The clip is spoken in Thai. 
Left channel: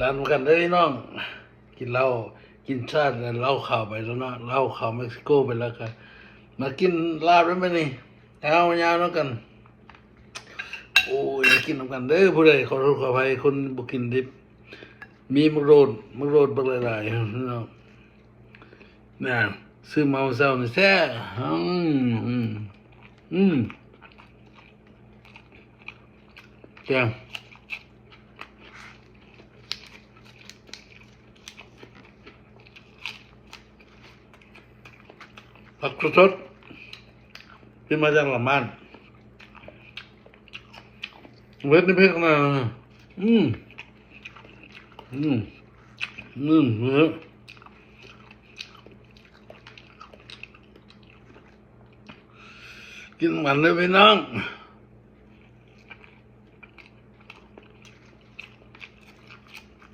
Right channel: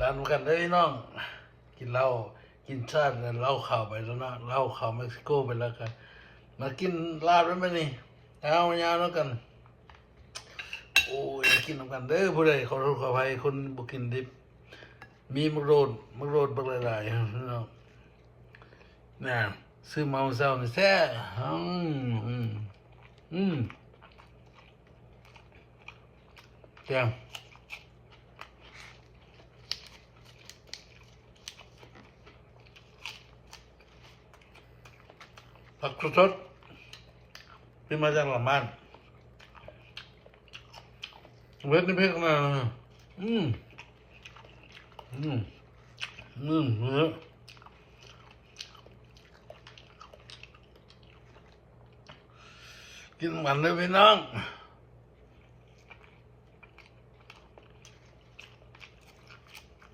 ร้านกันได้น้องกินเหล้ากินชาติเหล้าขาวไปแล้วเนาะเหล้าขาวเม็กซิโกไปแล้วกันมากินลาบได้ไหมนี่เอายาวน้องกันโอ้ยกินน้ำกันเด้อผู้ใดขอโทษขออภัยคนบุกินดิบมีมะโรดบักหลายๆเนาะน่ะซื้อมาเศร้านี่แท้แกงผักสดๆที่มาจากหลังบ้านเวทนี่เพิ่งนะกินมันเลยพี่น้อง